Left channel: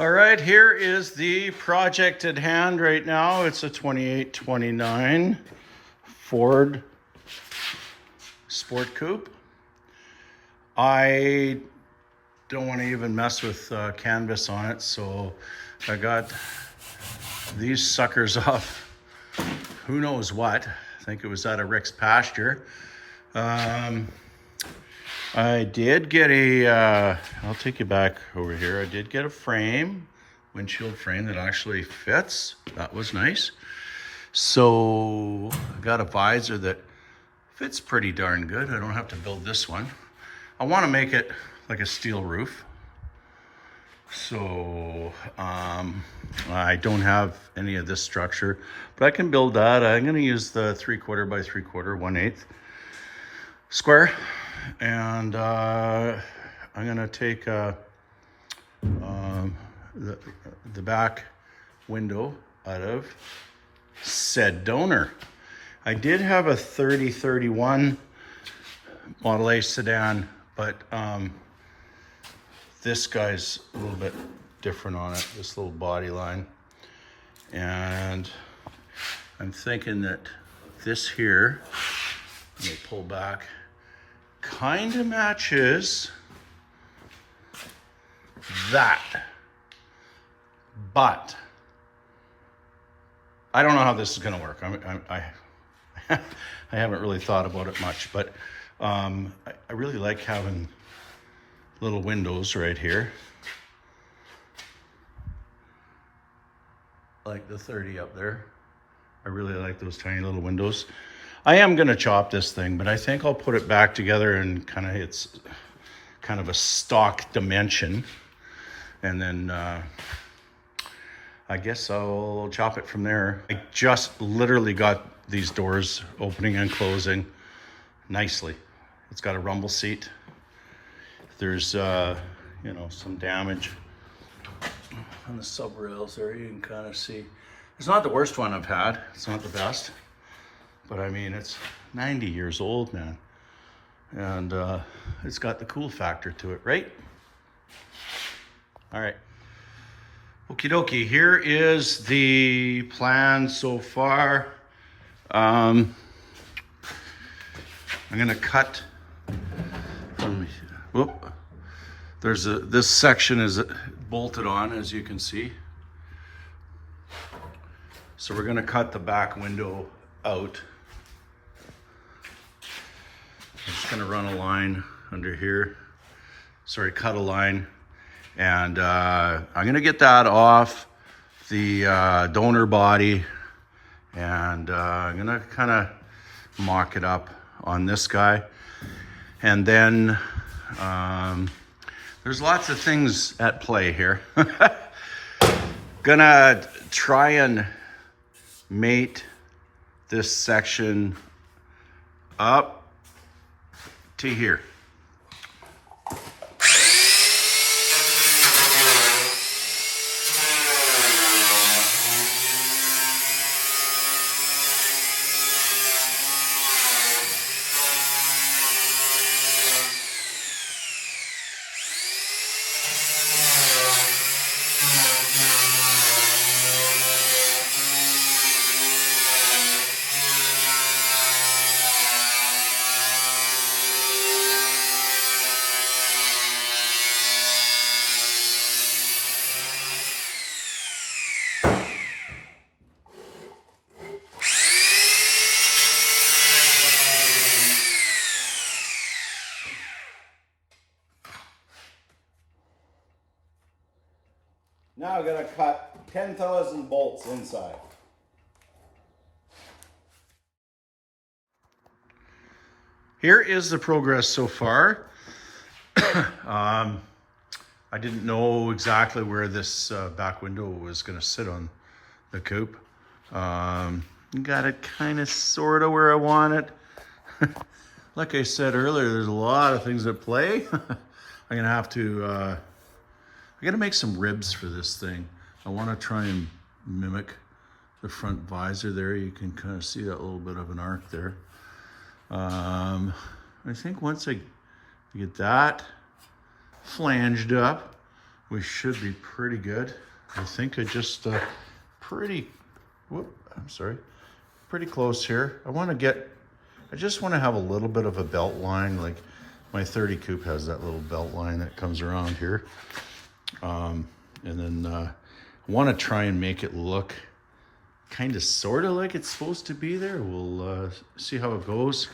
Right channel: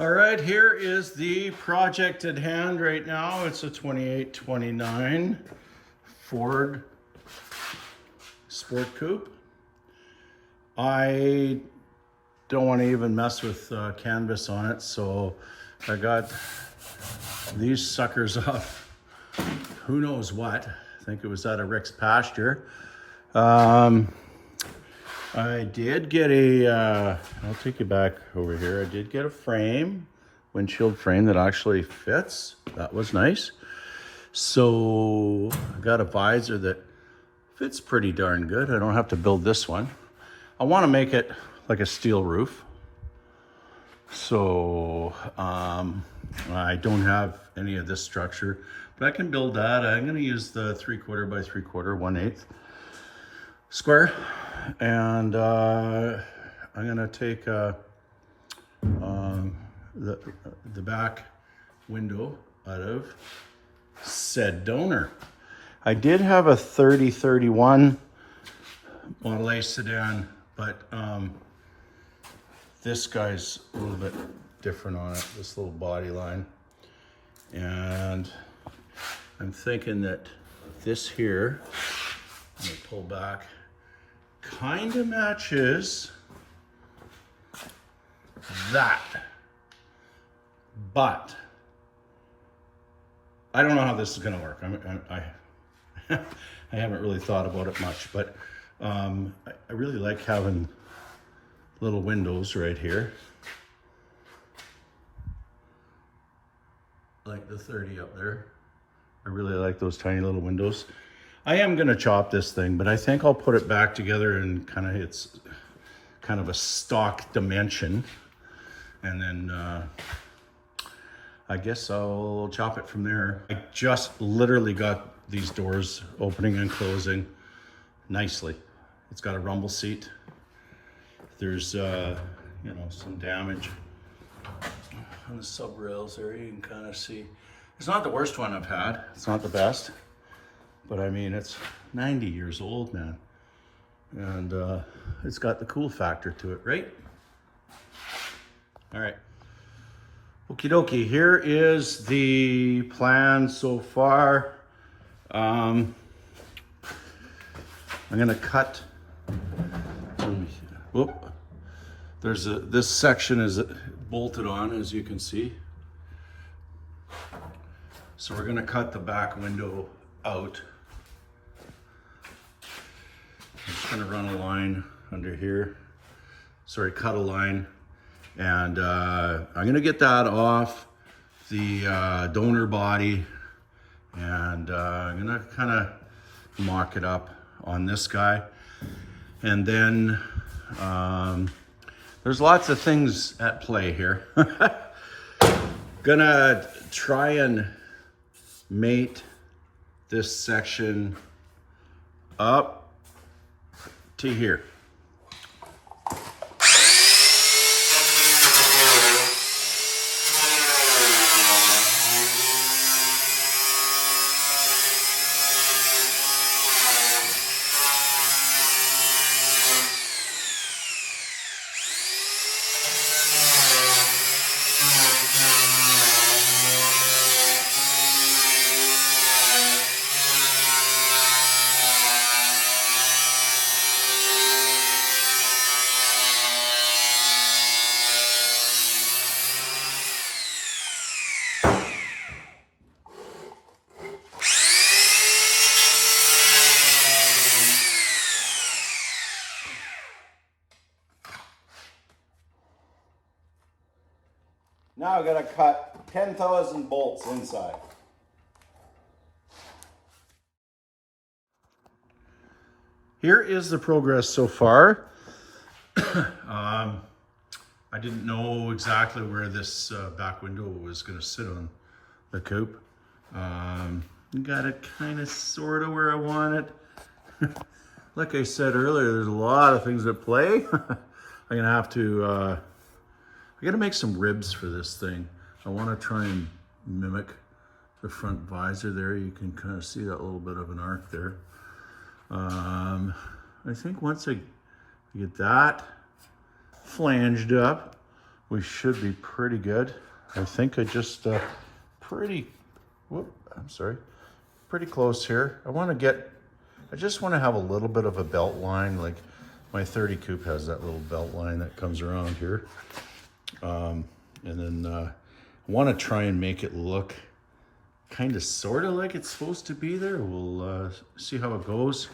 All right, here is the project at hand right now. It's a 2829 Ford Sport Coupe. I don't want to even mess with canvas on it, so I got these suckers off who knows what. I think it was out of Rick's pasture. I did get I'll take you back over here. I did get a frame, windshield frame that actually fits. That was nice. So I got a visor that fits pretty darn good. I don't have to build this one. I want to make it like a steel roof. So I don't have any of this structure, but I can build that. I'm going to use the 3/4 by 3/4, 1/8 square. And I'm gonna take the back window out of said donor. I did have a 3031 Model A sedan, but this guy's a little bit different on it, this little body line. And I'm thinking that this here, I'm gonna pull back, kind of matches that, but I don't know how this is going to work. I haven't really thought about it much, but I really like having little windows right here, like the 30 up there. I really like those tiny little windows. I am gonna chop this thing, but I think I'll put it back together and it's kind of a stock dimension. And then I guess I'll chop it from there. I just literally got these doors opening and closing nicely. It's got a rumble seat. There's some damage on the sub rails there. You can kind of see. It's not the worst one I've had. It's not the best. But I mean, it's 90 years old, man. And it's got the cool factor to it, right? All right. Okie dokie, here is the plan so far. I'm gonna cut from, this section is bolted on, as you can see. So we're gonna cut the back window out. I'm just gonna run a line under here. Sorry, cut a line. And I'm gonna get that off the donor body. And I'm gonna kind of mock it up on this guy. And then there's lots of things at play here. Gonna try and mate this section up to here. Now I'm gonna cut 10,000 bolts inside. Here is the progress so far. I didn't know exactly where this back window was gonna sit on the coupe. Got it kind of sort of where I want it. Like I said earlier, there's a lot of things at play. I'm gonna have to I gotta make some ribs for this thing. I wanna try and mimic the front visor there. You can kind of see that little bit of an arc there. I think once I get that flanged up, we should be pretty good. I think I just pretty close here. I just want to have a little bit of a belt line, like my 30 coupe has that little belt line that comes around here. And then I want to try and make it look kind of sort of like it's supposed to be there. We'll see how it goes.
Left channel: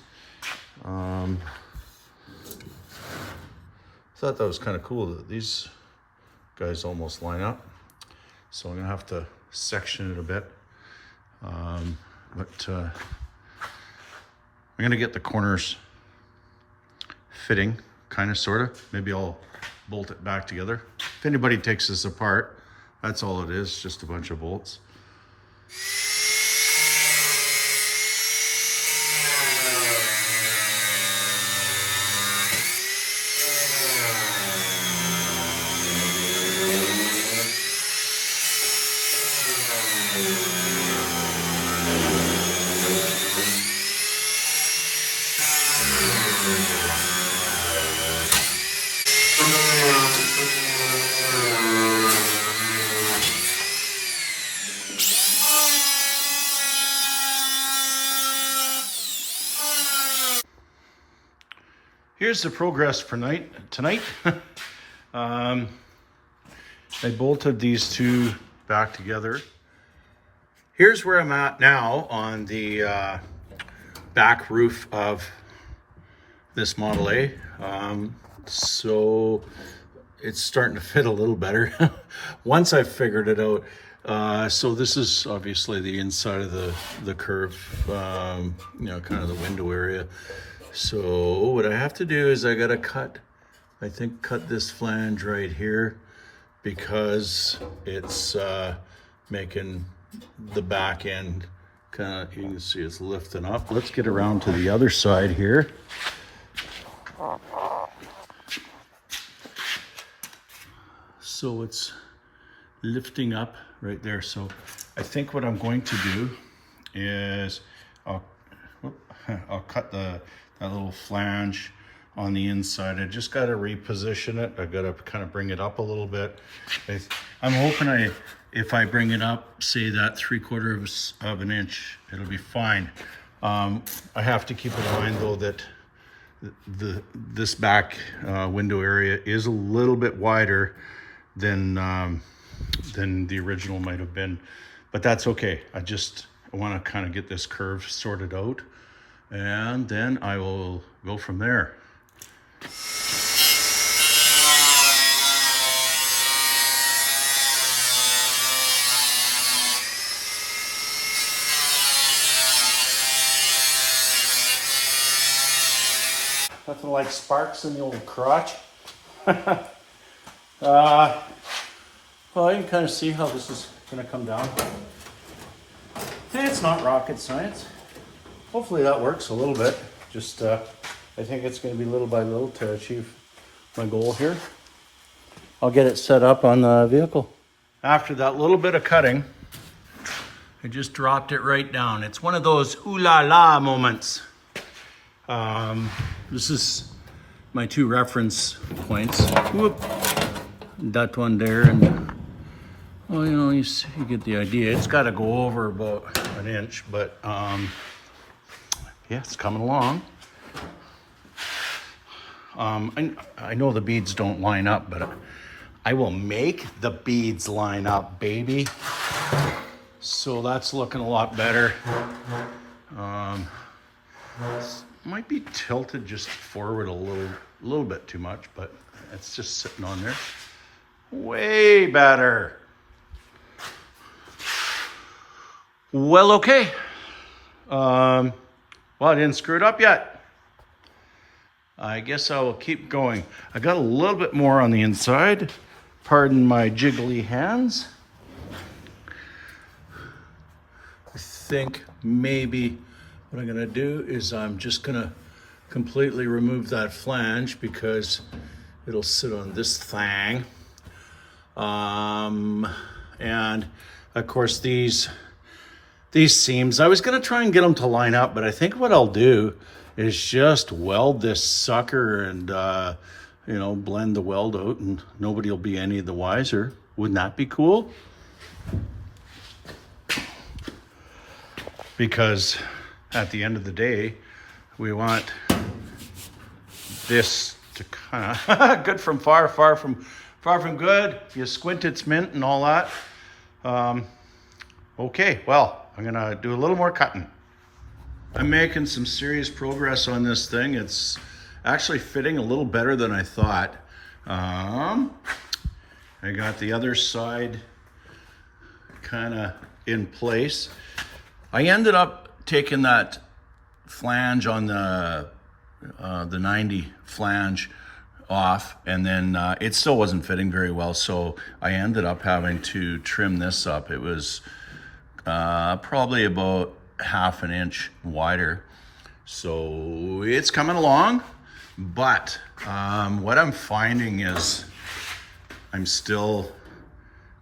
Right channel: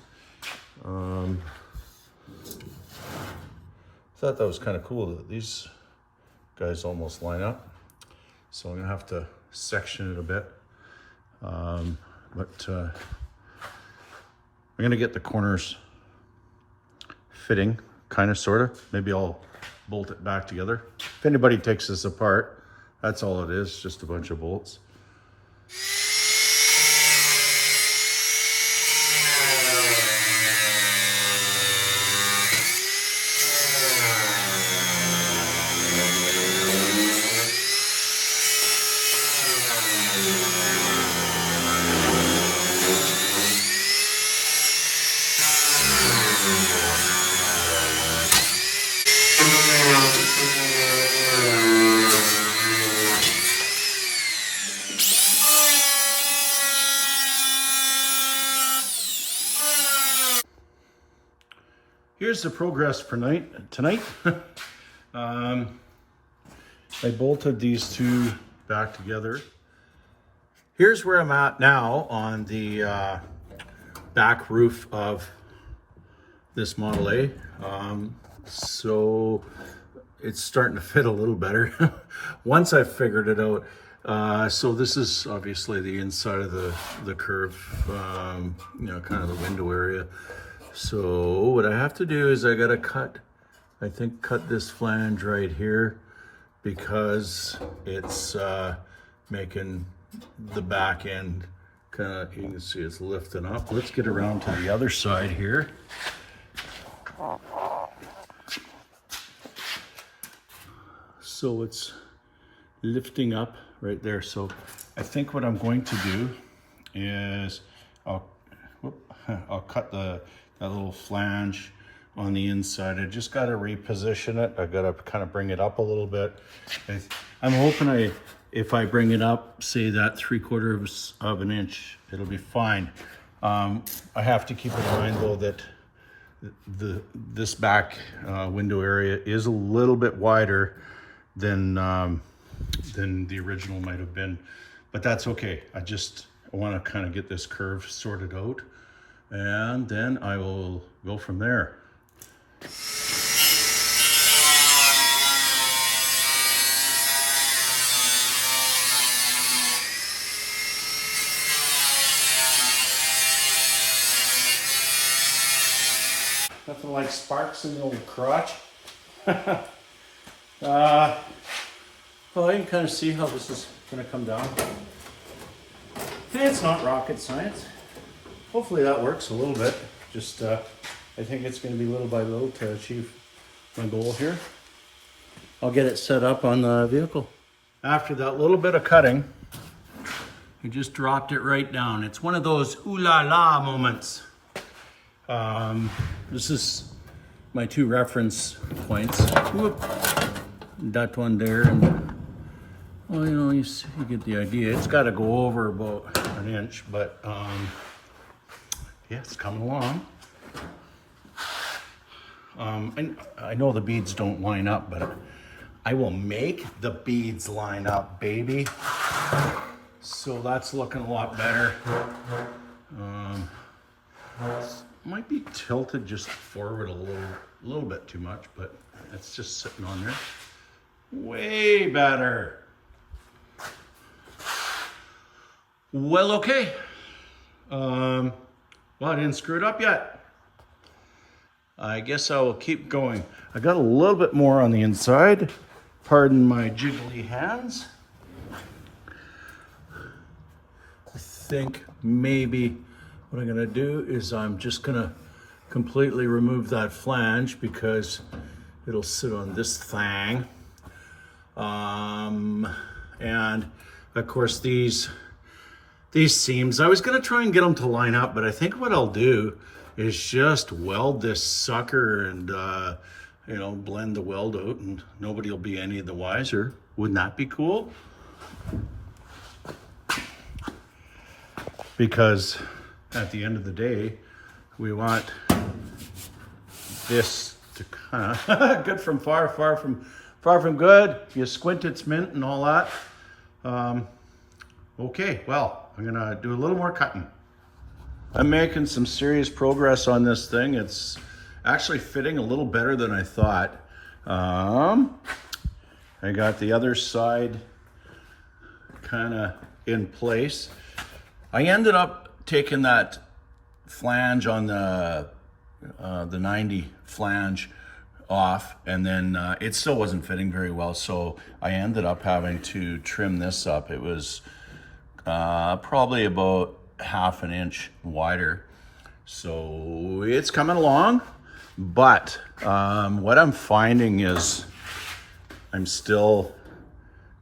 Thought that was kind of cool that these guys almost line up. So I'm gonna have to section it a bit. But I'm gonna get the corners fitting, kind of, sort of. Maybe I'll bolt it back together. If anybody takes this apart, that's all it is, just a bunch of bolts. Here's the progress for tonight. I bolted these two back together. Here's where I'm at now on the back roof of this Model A. So it's starting to fit a little better once I figured it out. So this is obviously the inside of the curve, you know, kind of the window area. So what I have to do is I gotta cut this flange right here, because it's making the back end kind of, you can see it's lifting up. Let's get around to the other side here. So it's lifting up right there. So I think what I'm going to do is I'll cut that little flange on the inside. I just got to reposition it. I've got to kind of bring it up a little bit. I'm hoping if I bring it up, say that 3/4 of an inch, it'll be fine. I have to keep in mind though that this back window area is a little bit wider than the original might have been, but that's okay. I want to kind of get this curve sorted out, and then I will go from there. Nothing like sparks in the old crotch. Well, you can kind of see how this is going to come down. And it's not rocket science. Hopefully that works a little bit. Just, I think it's going to be little by little to achieve my goal here. I'll get it set up on the vehicle. After that little bit of cutting, I just dropped it right down. It's one of those ooh la la moments. This is my 2 reference points. Whoop. That one there, and well, you know, you get the idea. It's got to go over about an inch, but yeah, it's coming along. I know the beads don't line up, but I will make the beads line up, baby. So that's looking a lot better. Might be tilted just forward a little bit too much, but it's just sitting on there. Way better. Well, okay. Well, I didn't screw it up yet. I guess I will keep going. I got a little bit more on the inside. Pardon my jiggly hands. I think maybe what I'm gonna do is I'm just gonna completely remove that flange because it'll sit on this thing. And of course these seams, I was gonna try and get them to line up, but I think what I'll do is just weld this sucker and you know, blend the weld out and nobody will be any the wiser. Wouldn't that be cool? Because at the end of the day, we want this to kind of good from far from good. You squint, it's mint and all that. Okay, well, I'm gonna do a little more cutting. I'm making some serious progress on this thing. It's actually fitting a little better than I thought. I got the other side kind of in place. I ended up taking that flange on the 90 flange off, and then it still wasn't fitting very well, so I ended up having to trim this up. It was probably about half an inch wider, so it's coming along. But what I'm finding is I'm still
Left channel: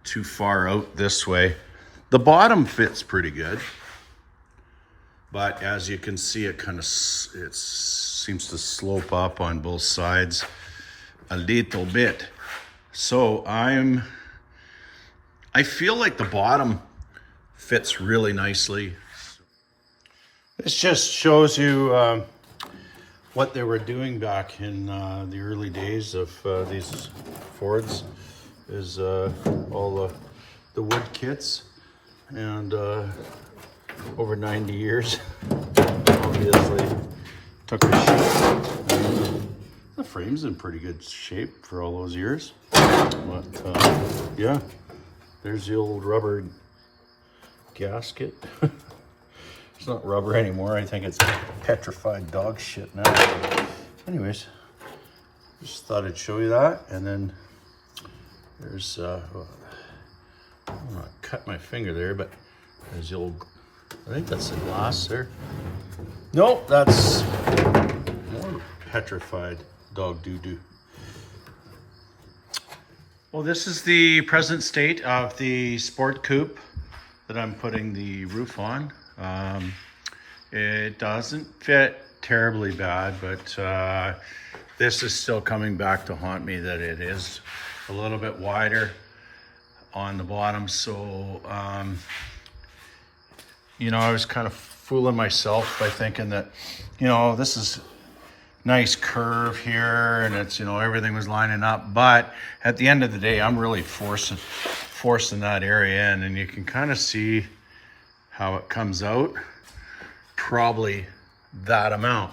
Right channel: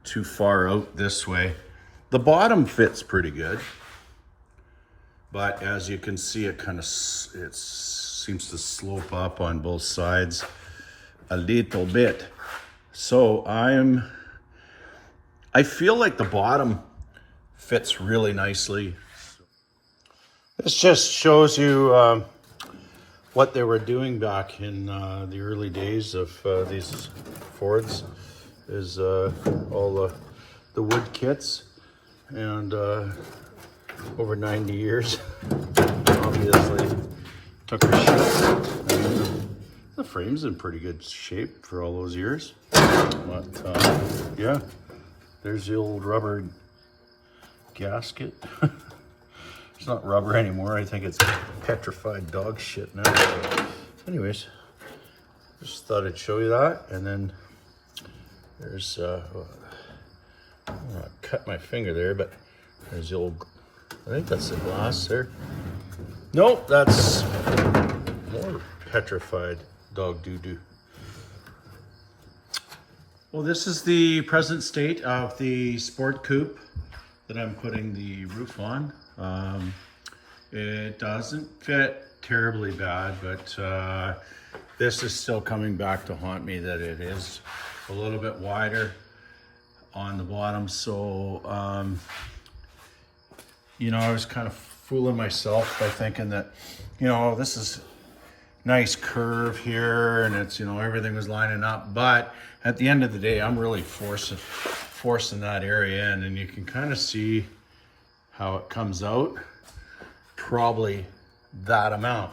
too far out this way. The bottom fits pretty good, but as you can see, it seems to slope up on both sides a little bit. So I feel like the bottom fits really nicely. This just shows you what they were doing back in the early days of these Fords, is all the wood kits, and over 90 years, obviously took a shit. The frame's in pretty good shape for all those years. But yeah, there's the old rubber gasket. It's not rubber anymore. I think it's petrified dog shit now. Anyways, just thought I'd show you that. And then there's, I'm gonna cut my finger there, but there's the old, I think that's the glass there. Nope, that's more petrified dog doo-doo. Well, this is the present state of the sport coupe that I'm putting the roof on. It doesn't fit terribly bad, but this is still coming back to haunt me, that it is a little bit wider on the bottom. So, you know, I was kind of fooling myself by thinking that, you know, this is nice curve here and it's, you know, everything was lining up. But at the end of the day, I'm really forcing that area in, and you can kind of see how it comes out. Probably that amount.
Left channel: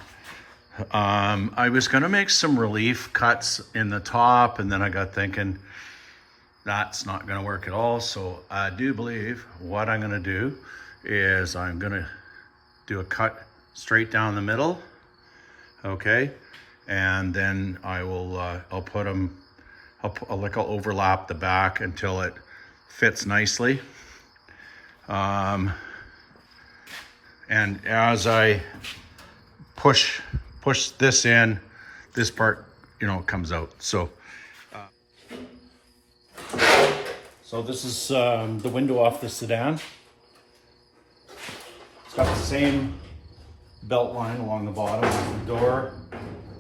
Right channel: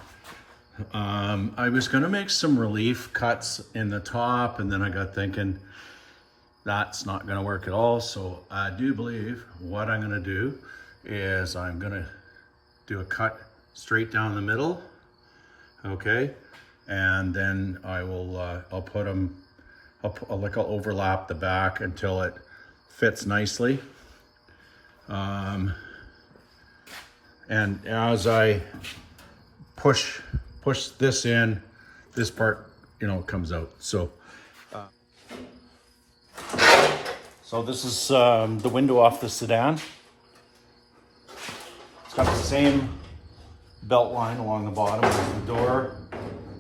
I was gonna make some relief cuts in the top, and then I got thinking that's not gonna work at all. So I do believe what I'm gonna do is I'm gonna do a cut straight down the middle, okay? And then I will, I'll put them, I'll overlap the back until it fits nicely. And as I push this in, this part, you know, comes out. So this is the window off the sedan. It's got the same belt line along the bottom as the door,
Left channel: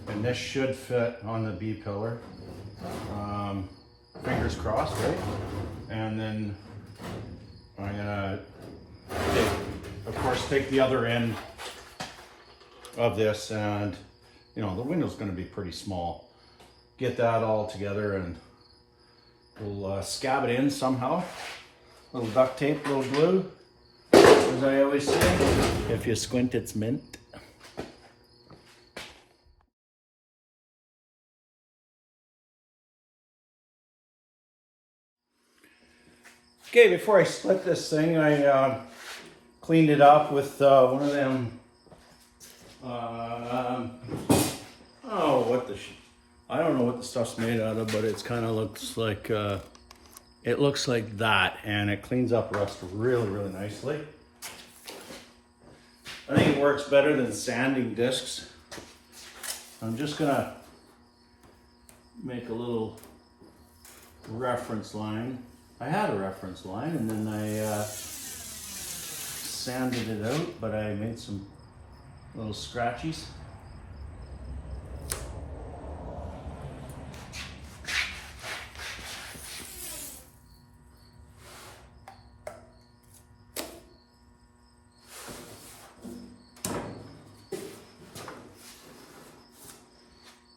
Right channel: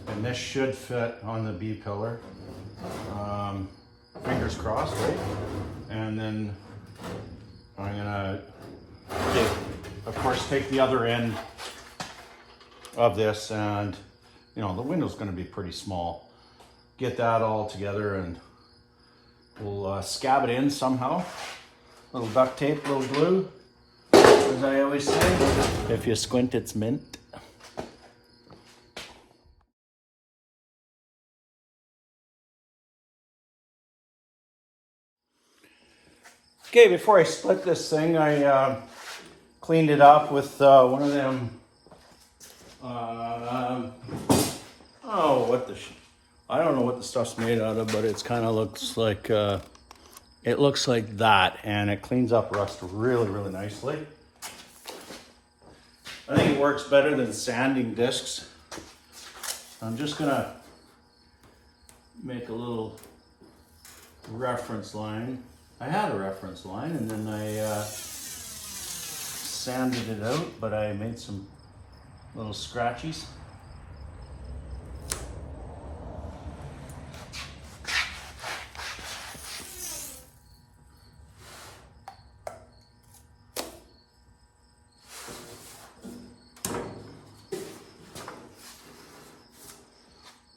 and this should fit on the B pillar. Fingers crossed, right? And then I'm gonna, of course, take the other end of this, and you know, the window's gonna be pretty small. Get that all together, and we'll scab it in somehow. Little duct tape, little glue. As I always say, if you squint, it's mint. Okay, before I split this thing, I cleaned it up with one of them, I don't know what the stuff's made out of, but it's kind of looks like, it looks like that, and it cleans up rust really, really nicely. I think it works better than sanding discs. I'm just gonna make a little reference line. I had a reference line, and then I sanded it out, but I made some little scratchies.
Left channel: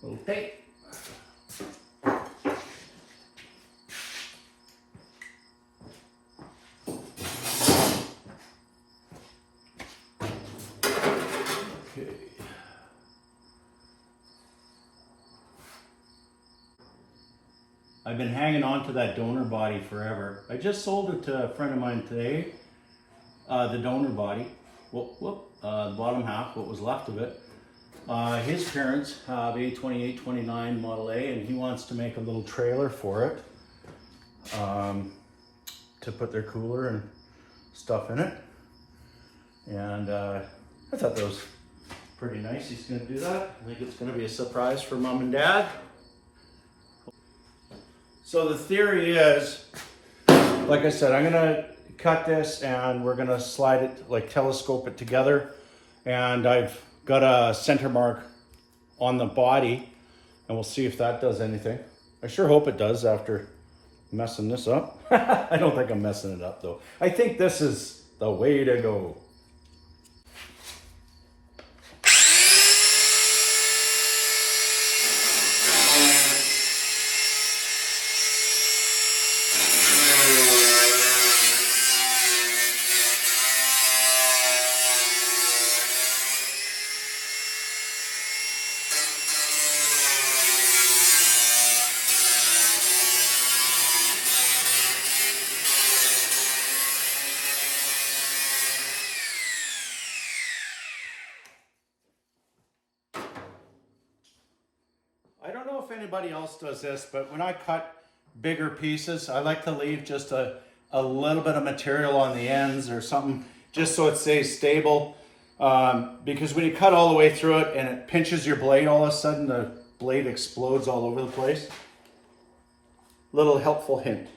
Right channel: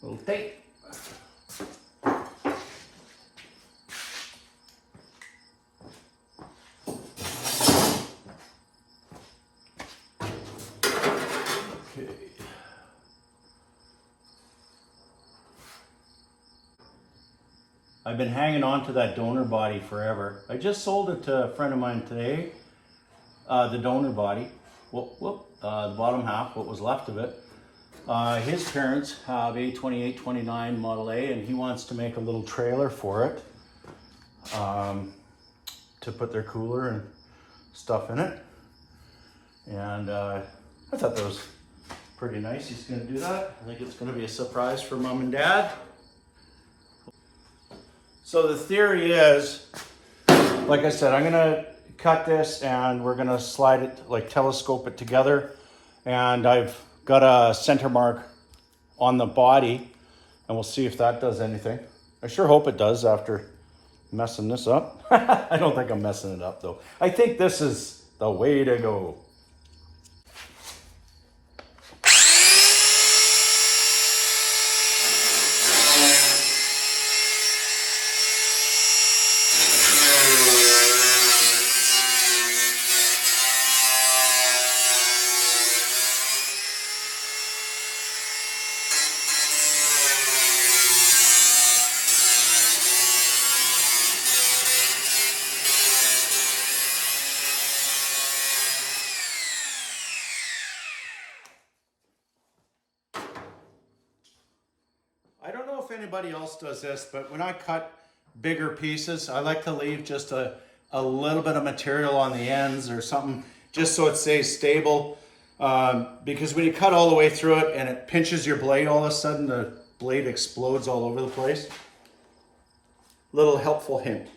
Little tape. Okay. I've been hanging on to that donor body forever. I just sold it to a friend of mine today. The donor body, the bottom half, what was left of it. His parents have a 28, 29 Model A, and he wants to make a little trailer for it to put their cooler and stuff in it. And I thought that was pretty nice. He's going to do that. I think it's going to be a surprise for Mom and Dad. So the theory is, like I said, I'm going to cut this and we're going to slide it, like telescope it together. And I've got a center mark on the body and we'll see if that does anything. I sure hope it does after messing this up. I don't think I'm messing it up though. I think this is the way to go. I don't know if anybody else does this, but when I cut bigger pieces, I like to leave just a little bit of material on the ends or something, just so it stays stable. Because when you cut all the way through it and it pinches your blade, all of a sudden the blade explodes all over the place. Little helpful hint.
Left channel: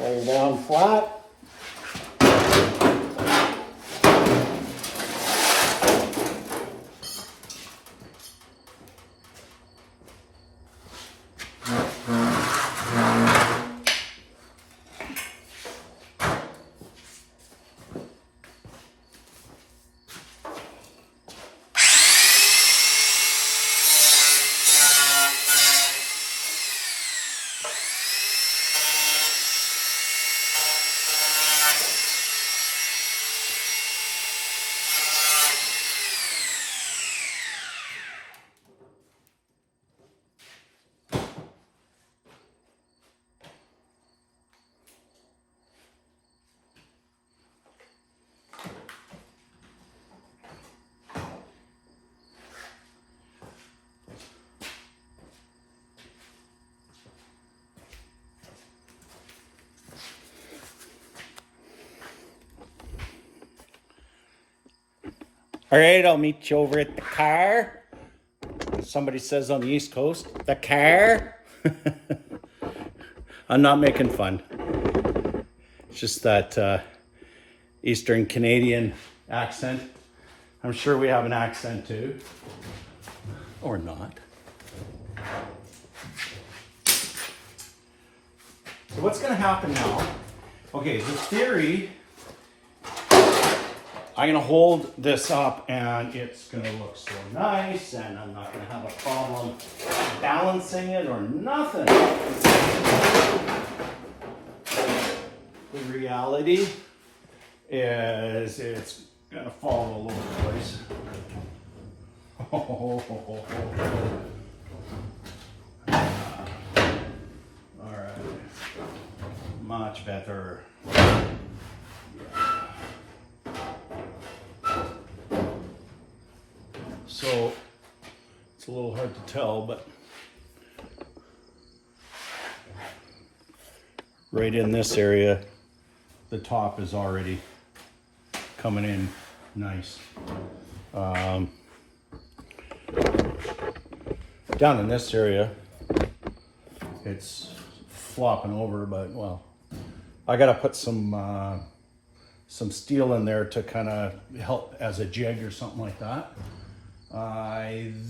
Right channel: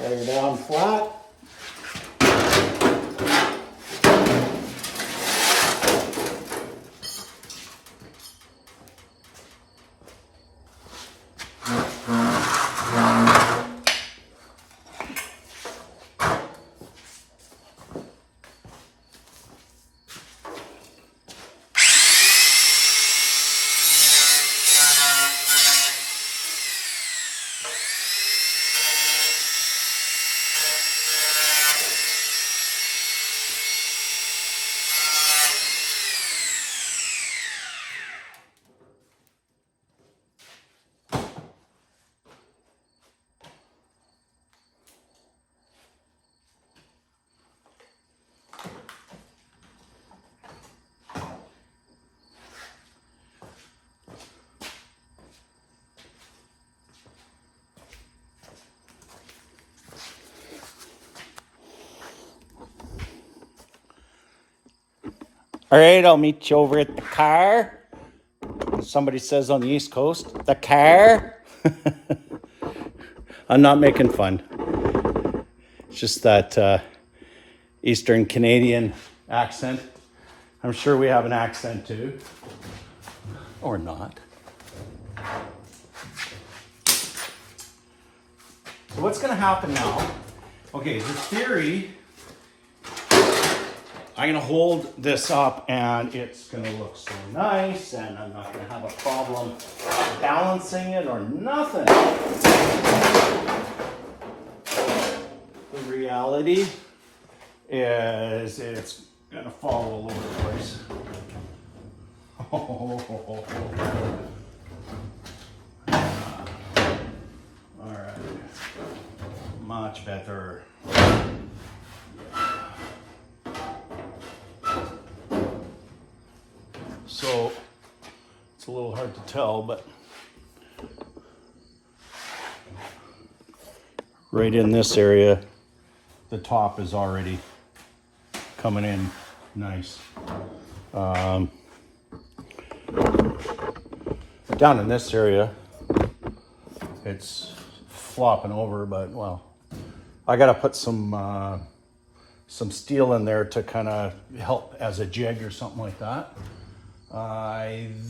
Lay her down flat. All right, I'll meet you over at the car. Somebody says on the East Coast, the car. I'm not making fun. It's just that Eastern Canadian accent. I'm sure we have an accent too. Or not. So what's going to happen now? Okay, the theory, I'm going to hold this up and it's going to look so nice and I'm not going to have a problem balancing it or nothing. The reality is it's going to fall all over the place. All right, much better. So it's a little hard to tell, but right in this area, the top is already coming in nice. Down in this area, it's flopping over, but well, I got to put some steel in there to kind of help as a jig or something like that.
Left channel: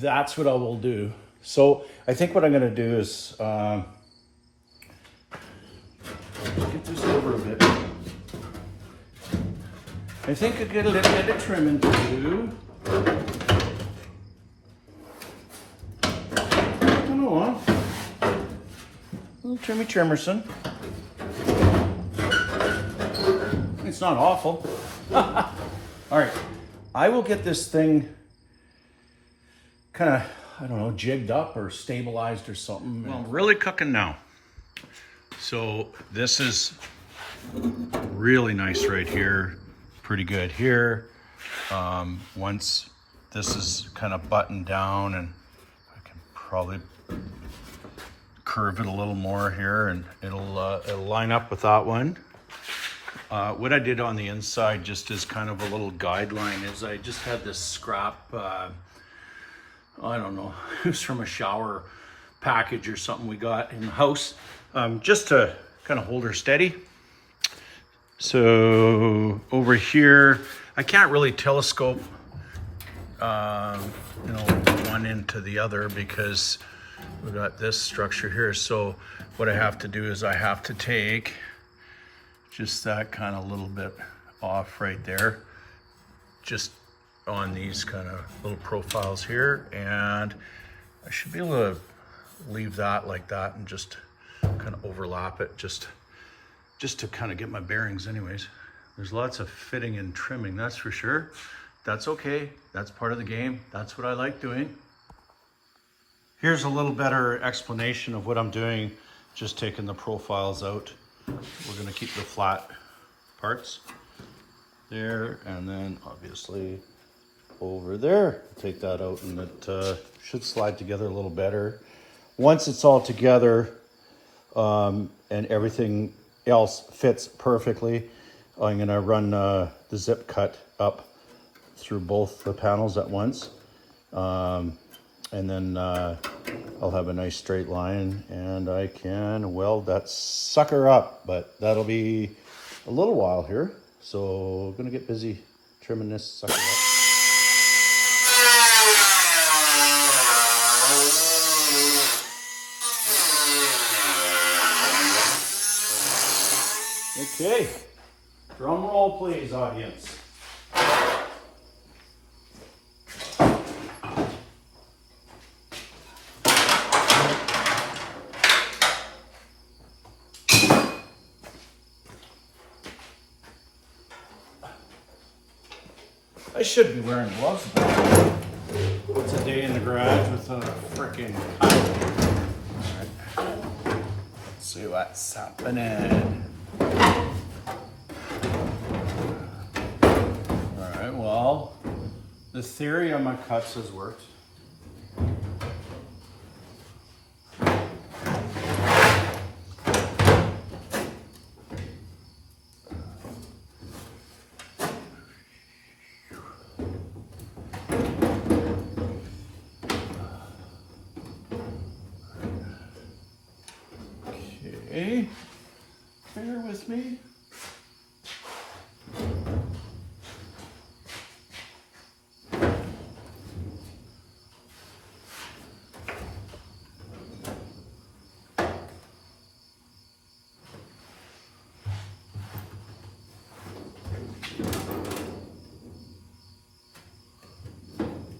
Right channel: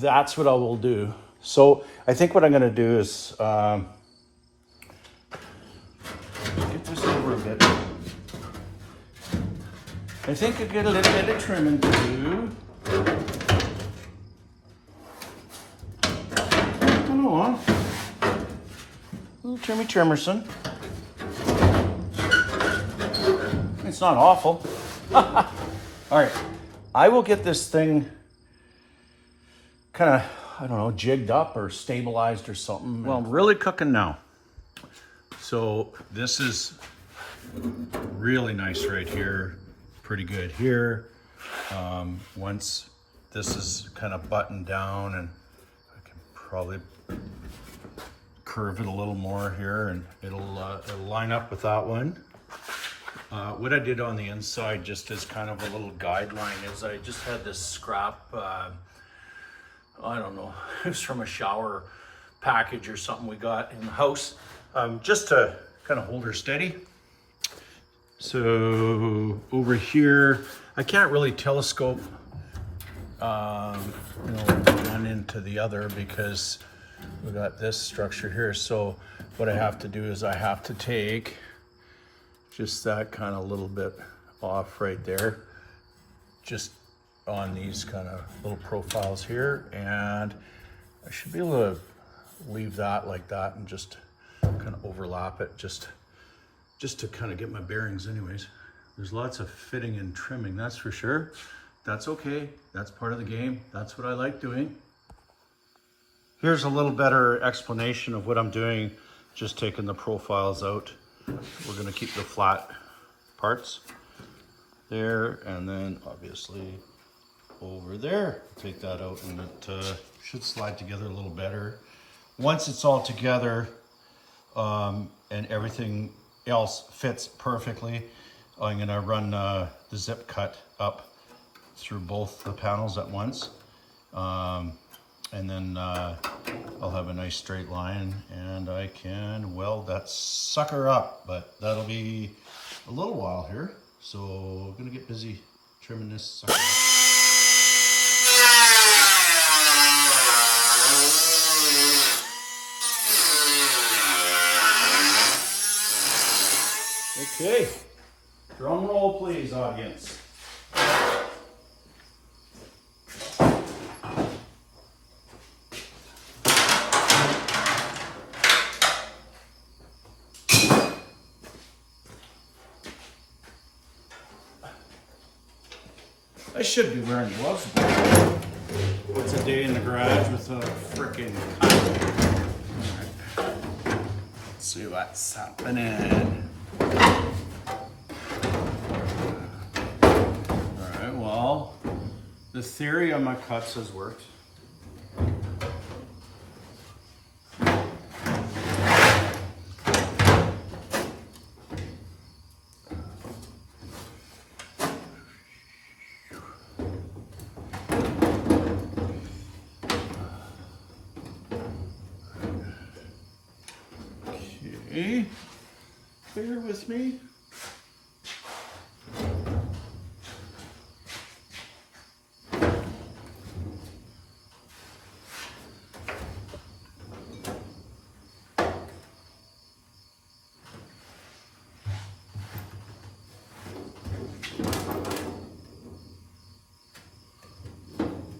That's what I will do. So I think what I'm going to do is get this over a bit. I think I get a little bit of trimming to do. Come on. Little Trimmerson. It's not awful. All right. I will get this thing kind of, I don't know, jigged up or stabilized or something. Well, I'm really cooking now. So this is really nice right here. Pretty good here. Once this is kind of buttoned down, and I can probably curve it a little more here and it'll line up with that one. What I did on the inside, just as kind of a little guideline, is I just had this scrap, I don't know, it was from a shower package or something we got in the house, just to kind of hold her steady. So over here, I can't really telescope, one into the other because we got this structure here. So what I have to do is I have to take just that kind of little bit off right there, just on these kind of little profiles here, and I should be able to leave that like that and just kind of overlap it just to kind of get my bearings anyways. There's lots of fitting and trimming, that's for sure. That's okay, that's part of the game. That's what I like doing. Here's a little better explanation of what I'm doing, just taking the profiles out. We're gonna keep the flat parts there, and then obviously over there, take that out, and it should slide together a little better. Once it's all together and everything else fits perfectly, I'm gonna run the zip cut up through both the panels at once. And then I'll have a nice straight line and I can weld that sucker up, but that'll be a little while here. So I'm gonna get busy trimming this sucker up. Okay, drum roll please, audience. I should be wearing gloves. It's a day in the garage with a freaking. Alright. Let's see what's happening. Alright, well, the theory on my cuts has worked. Okay, bear with me.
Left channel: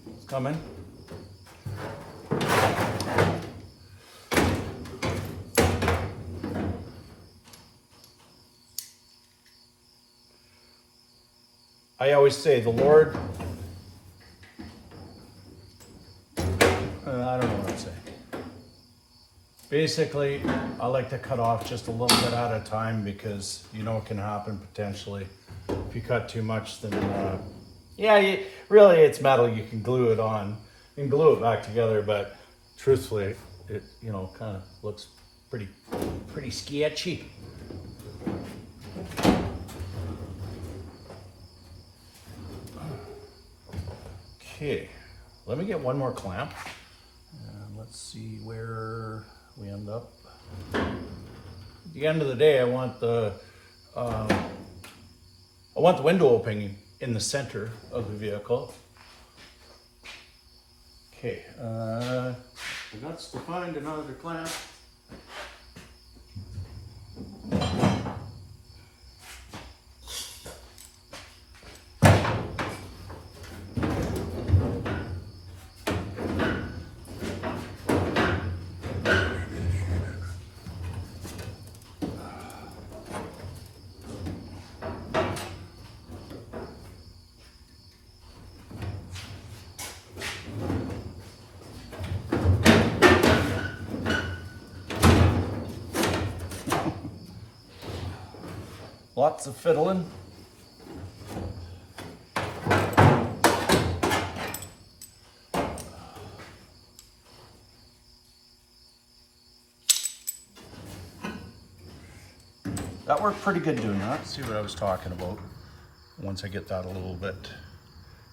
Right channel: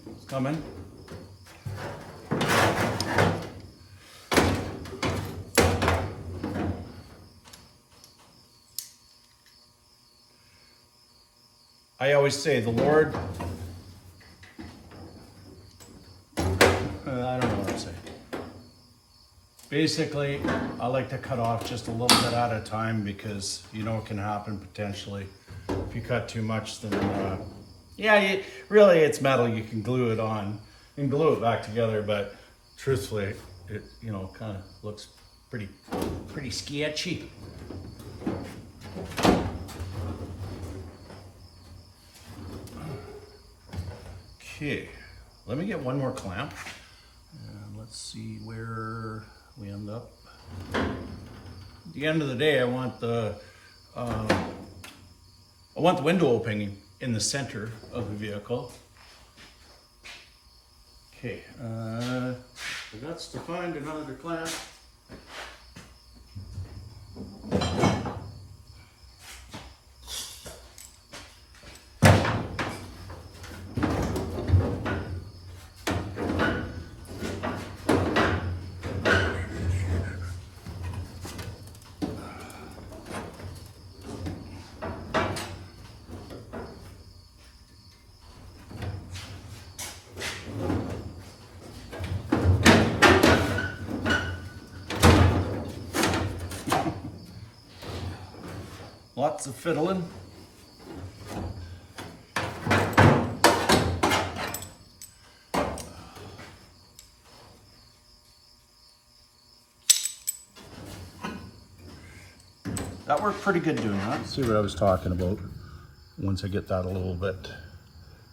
It's coming. I always say the Lord, I don't know what I'm saying. Basically, I like to cut off just a little bit at a time because you know what can happen potentially. If you cut too much, then really it's metal. You can glue it on. You can glue it back together, but truthfully, it kind of looks pretty sketchy. Okay, let me get one more clamp. And let's see where we end up. At the end of the day, I want the window opening in the center of the vehicle. Okay, that's to find another clamp. Lots of fiddling. That worked pretty good doing that. Let's see what I was talking about. Once I get that a little bit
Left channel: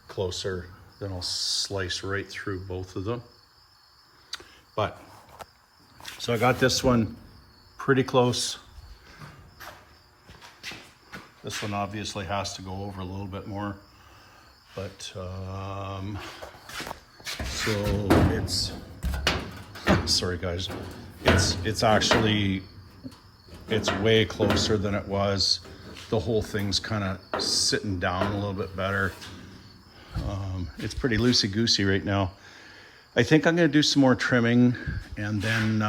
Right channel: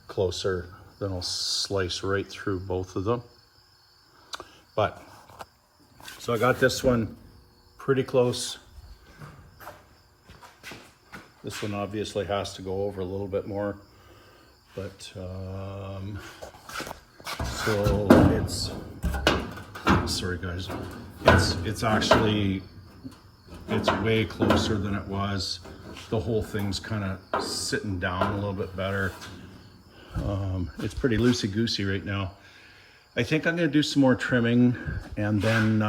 closer, then I'll slice right through both of them. So I got this one pretty close. This one obviously has to go over a little bit more, but so sorry guys, it's way closer than it was. The whole thing's kind of sitting down a little bit better. It's pretty loosey-goosey right now. I think I'm gonna do some more trimming, and then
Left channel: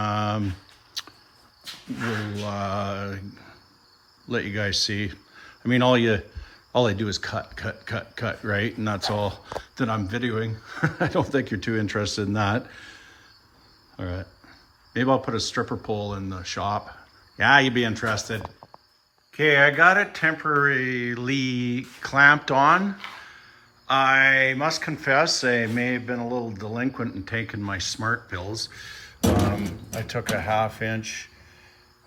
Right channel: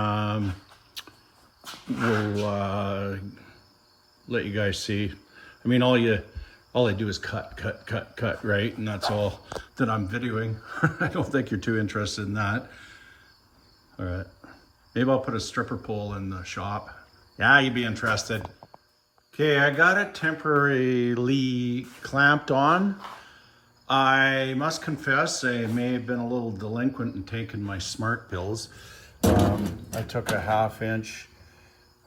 we'll let you guys see. I mean, all I do is cut, right? And that's all that I'm videoing. I don't think you're too interested in that. All right, maybe I'll put a stripper pole in the shop. Yeah, you'd be interested. Okay, I got it temporarily clamped on. I must confess, I may have been a little delinquent in taking my smart pills. I took a 1/2 inch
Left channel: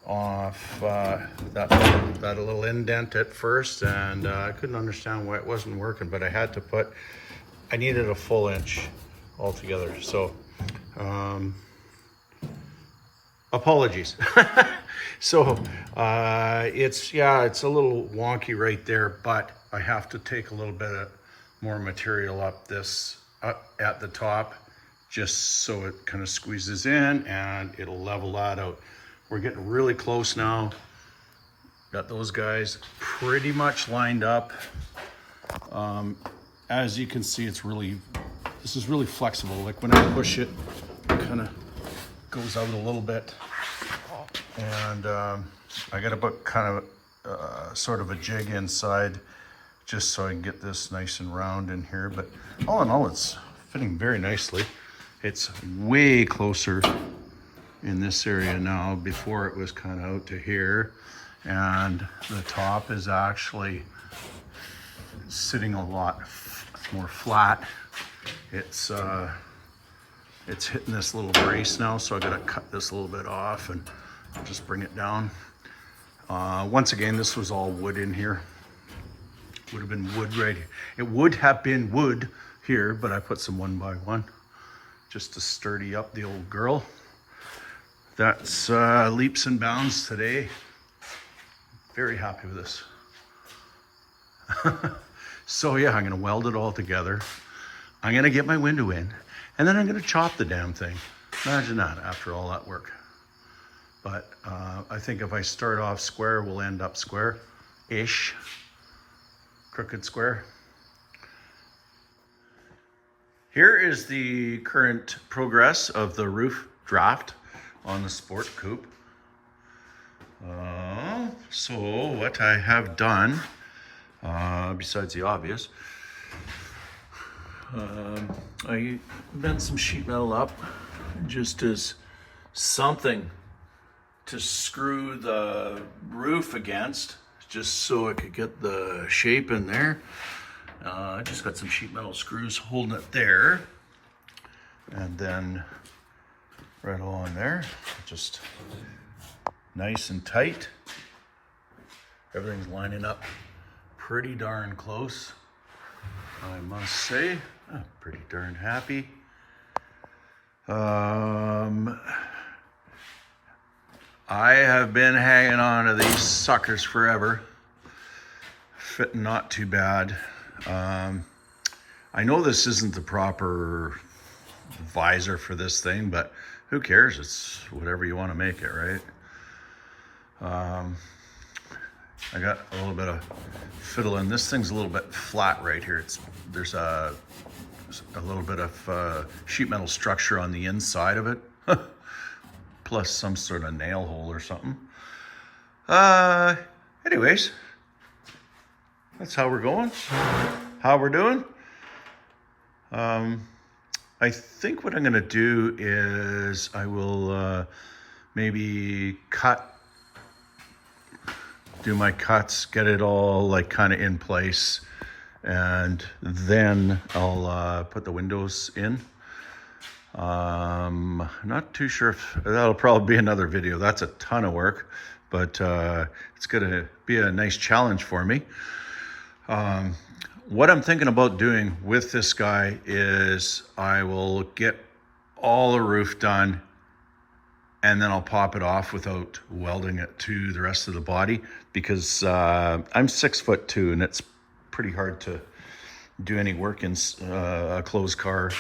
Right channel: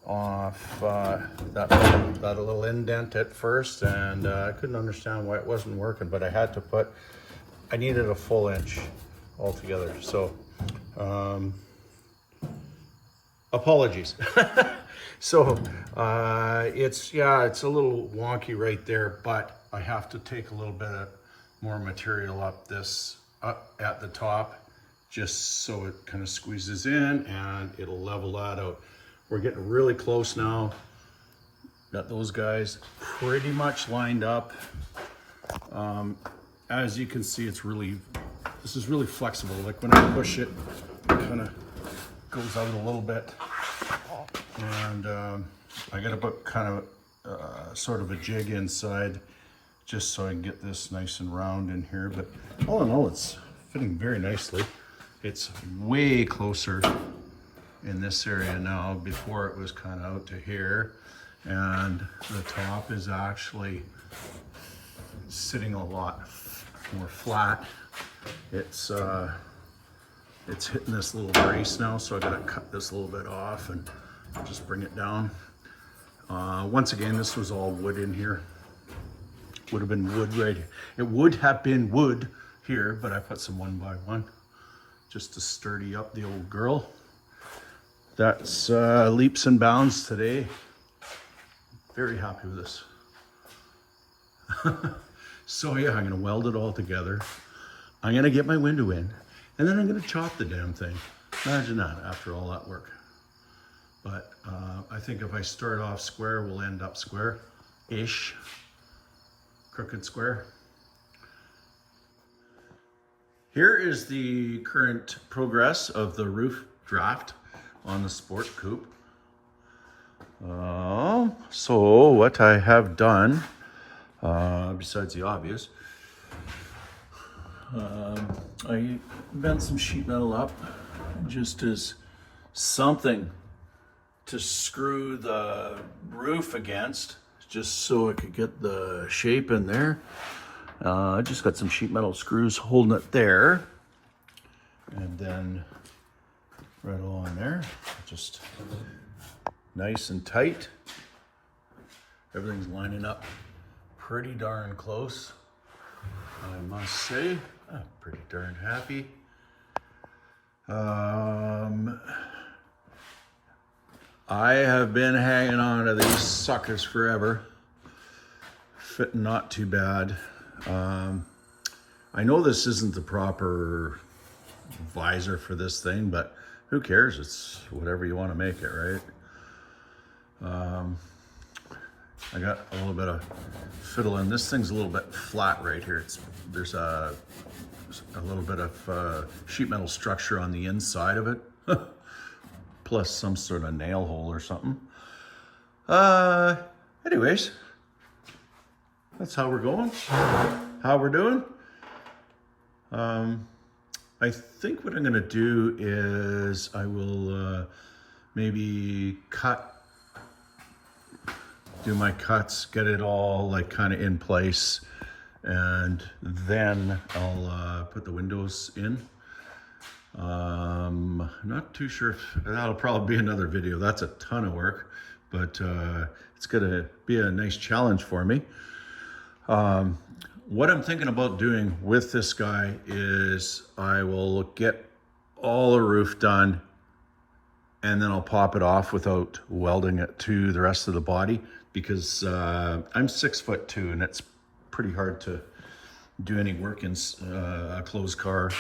off that little indent at first, and I couldn't understand why it wasn't working, but I needed a full inch altogether. So, apologies. So, it's a little wonky right there, but I have to take a little bit of more material up at the top, just so it kind of squeezes in and it'll level that out. We're getting really close now. Got those guys pretty much lined up. As you can see, this is really flexible. Like when I push it, it kind of goes out a little bit. And I got to put kind of sort of a jig inside, just so I can get this nice and round in here. But all in all, it's fitting very nicely. It's way closer in this area now. Before it was kind of out to here, and the top is actually sitting a lot more flat. It's hitting this little brace now, so I got to cut this a little bit off and just bring it down. Once again, this was all wood in here. Would have been wood right here. It would have been wood here, but I put some 1x1 just to sturdy up the old girl. that's leaps and bounds today. Very happy with this. So yeah, I'm gonna weld it all together. I'm gonna get my window in, and then I'm gonna chop the damn thing. Imagine that after all that work. But I think if I start off square, we'll end up square-ish, crooked square. Here is the current progress of the roof draft on the Sport Coupe. So what I have done, besides the obvious, I bent some sheet metal up just as something to screw the roof against, just so I could get the shape in there. I just got some sheet metal screws holding it there, and then right along there, just nice and tight. Everything's lining up pretty darn close, I must say. I'm pretty darn happy. I have been hanging on to these suckers forever. Fitting not too bad. I know this isn't the proper visor for this thing, but who cares? It's whatever you want to make it, right? I got a little bit of fiddle in. This thing's a little bit flat right here. There's a little bit of sheet metal structure on the inside of it, plus some sort of nail hole or something. Anyways, that's how we're going, how we're doing. I think what I'm gonna do is I will maybe do my cuts, get it all like kind of in place, and then I'll put the windows in. Not too sure if that'll probably be another video. That's a ton of work, but it's gonna be a nice challenge for me. What I'm thinking about doing with this guy is I will get all the roof done, and then I'll pop it off without welding it to the rest of the body, because I'm 6'2", and it's pretty hard to do any work in a closed car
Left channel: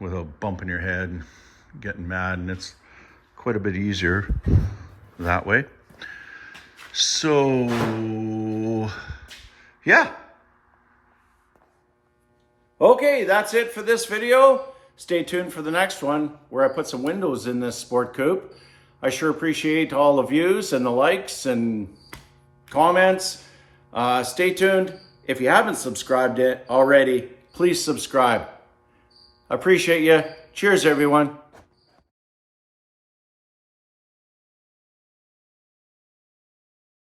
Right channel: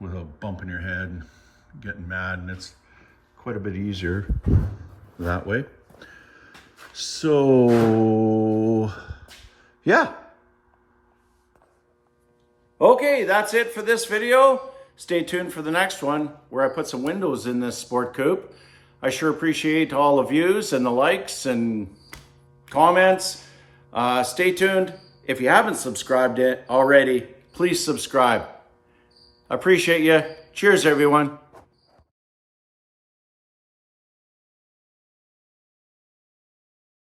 without bumping your head and getting mad, and it's quite a bit easier that way. So yeah. Okay, that's it for this video. Stay tuned for the next one where I put some windows in this Sport Coupe. I sure appreciate all the views and the likes and comments. Stay tuned. If you haven't subscribed it already, please subscribe. I appreciate you. Cheers, everyone.